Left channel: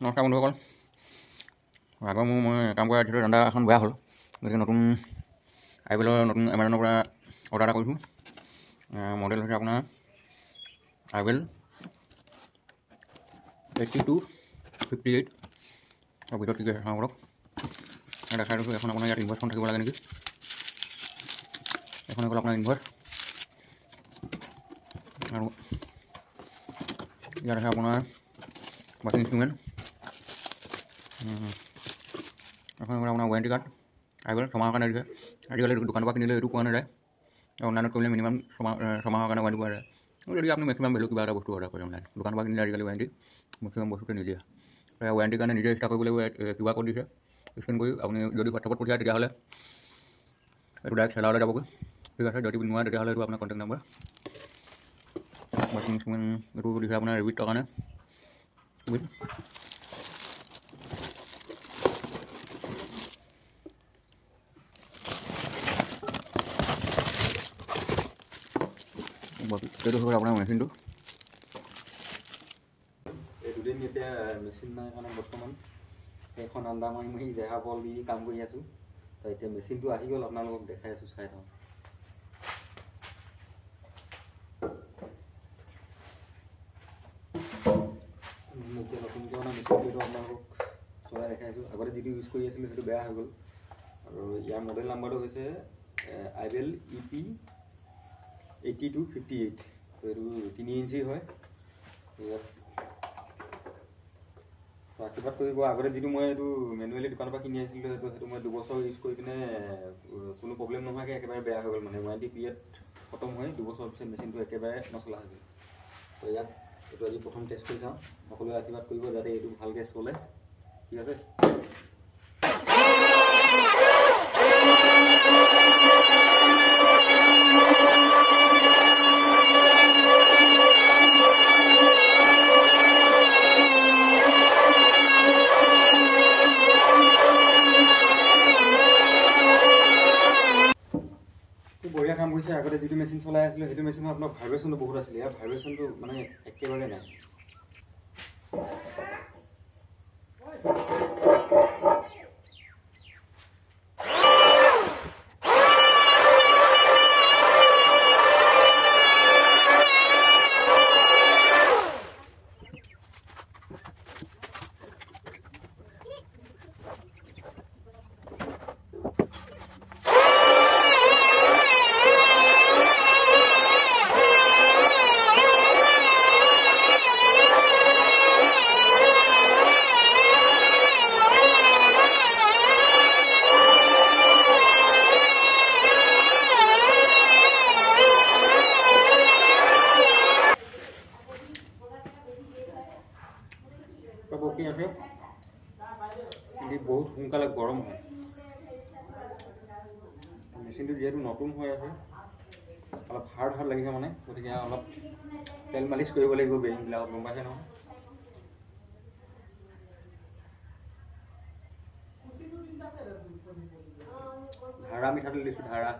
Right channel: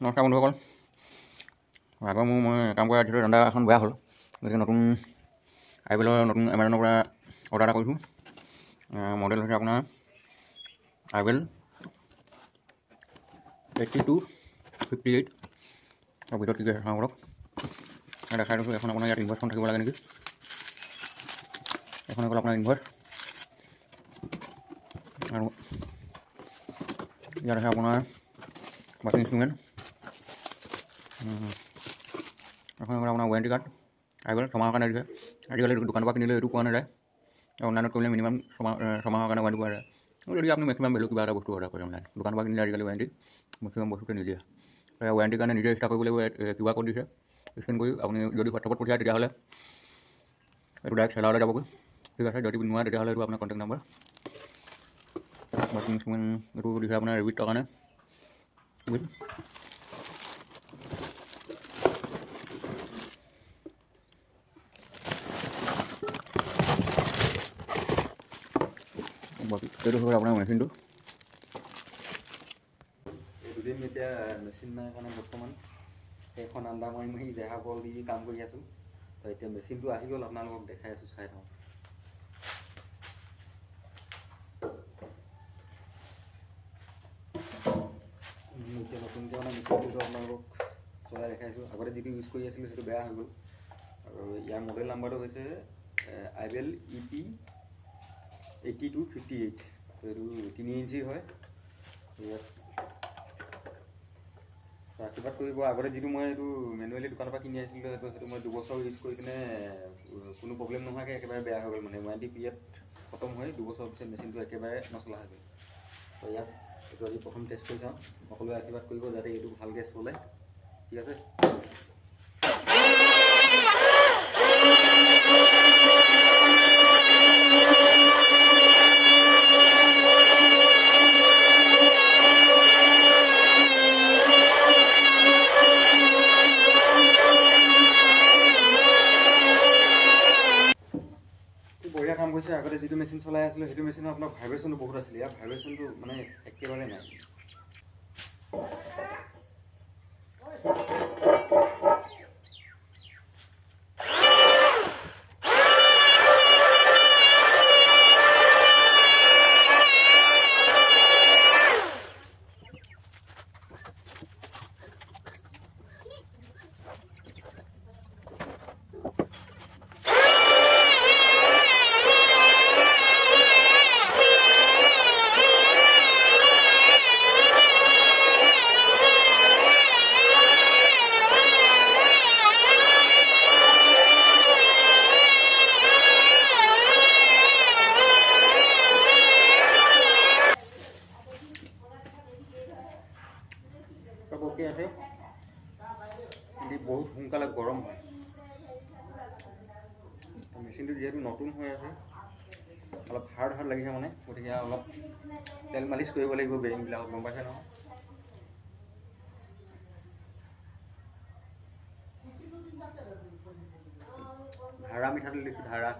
নমস্কাৰ বন্ধুসকল। আগৰ মই কাম কৰা যিহেতু দাণ্ডা এখন বেয়া হ'ল, গতিকে নতুন আইবেলৰ নতুন এমাজনৰ পৰা অৰ্ডাৰ এটা কৰিছোঁ। মডেল হৈছে আপোনাৰ আইবেল 8258। আৰু ভিতৰত কি কি চাওঁ অলপ দেখাই দিছোঁ। এখন আপোনাৰ ইয়াত ইনভাৰ্টখন থাকিব লাগে নেকি। এখন হ'ল আপোনাৰ ইনভাৰ্ট, আৰু ইয়াত আছে আপোনাৰ বাকী ইনষ্ট্ৰুমেণ্ট। এখন হ'ল আপোনাৰ ৱাৰেণ্টি কাৰ্ড। আইবেল 6 মাহৰ কাৰণে দিছে। আজিকালি দোকানৰ পৰা কিনিলে এইটো পোৱা নাযায়, আৰু অনলাইনত কৰিলে মিনিমাম 6 মাহৰ কাৰণে ৱাৰেণ্টি পোৱা যায়। যদি আপুনি মেক্সিমাম ভেলু কিবা এটা বস্তু অৰ্ডাৰ কৰে অনলাইন, দোকানৰ পৰা কিনিলে আজিকালি ৱাৰেণ্টি মেক্সিমাম বস্তুতে নিদিয়ে। ৱাৰেণ্টিৰ কাৰণে নিজে ষ্টাৰ্ট কৰিব লাগিব। কিবা ক'ড দিছে, স্কেন কৰি আপুনি যদি হোৱাটছআপত পঠিয়ায় তেতিয়াহ'লে এইটো ডাইৰেক্ট চেলাৰলৈ যাবগৈ। ঠিক আছে, যদি নোৱাৰে তেতিয়াহ'লে এইটো আপোনাৰ কণ্টেক্ট নাম্বাৰ। বাকী ইনষ্ট্ৰুমেণ্ট এইটো দিছে আপোনাৰ ৰেবিটৰ কাৰণে। এইটো হ'ল আপোনাৰ মেচিনটো। এই দুদিন এতিয়া মেচিন নাই কাৰণে বৰ্তমান সেইখন আন্দা মাৰি দেহা বল দি কাম কৰি আছোঁ। তো এতিয়া মেচিনটো আহি গ'ল, আপোনালোকক দেখাই আছোঁ, চাই থাকক। এতিয়া নতুনকৈ অনা মেচিনটো আপোনালোকক চলাই দেখাইছোঁ। আগতে যিটো ইউজ কৰি আছিলোঁ সেইটো বেয়া হৈ গ'ল, আৰু ইয়াৰ মডেল নাম্বাৰটো হৈছে আইবেল EP 8258। তো এইটো 3 ইঞ্চিৰ হয়। ইয়াত আশীৰ্বাদ কৰিব। আগতে যিটো মই এইটো মেনুৱেলি দোকানৰ পৰা কিনি আছিলোঁ, সেইটো মই 2 বছৰ ইউজ কৰি পিনে কোনো প্ৰব্লেম নোহোৱাকৈ একেবাৰে বেয়া হৈ গ'ল। মানে ৱাৰেণ্টি পিৰিয়ড খতম হৈ 2 বছৰৰ পিছত মেচিনটো একেবাৰে নচলা হৈ গ'ল। তো ইয়াত এইটো আজি প্ৰথম টেষ্ট কৰি চাওঁ। সকলোৱে আশীৰ্বাদ কৰিব যাতে এইটো ভালকৈ চলে। ঠিক আছে। বঢ়িয়া কাম কৰিছে। আগতে যিটো মেচিন চলাই আছিলোঁ সেইটো মেচিনত আপোনাৰ ভাইব্ৰেশ্যনটো বহুত আছিলে। ইয়াৰ ভাইব্ৰেশ্যনটো মানে একেবাৰে নাই। বকি আছে, কিন্তু বহুত সোনকালে গৰম হয়। মেচিনটো যিহেতু নতুন হৈ আছে, অলপ হাৰ্ড লাগিছে মানে, গতিকে অলপ তেল মালিচ কৰিব লাগিব বেৰিংবিলাকত, গম পাইছে নহয়। ধাৰা মিঠাতেল দিছোঁ, ধাৰা।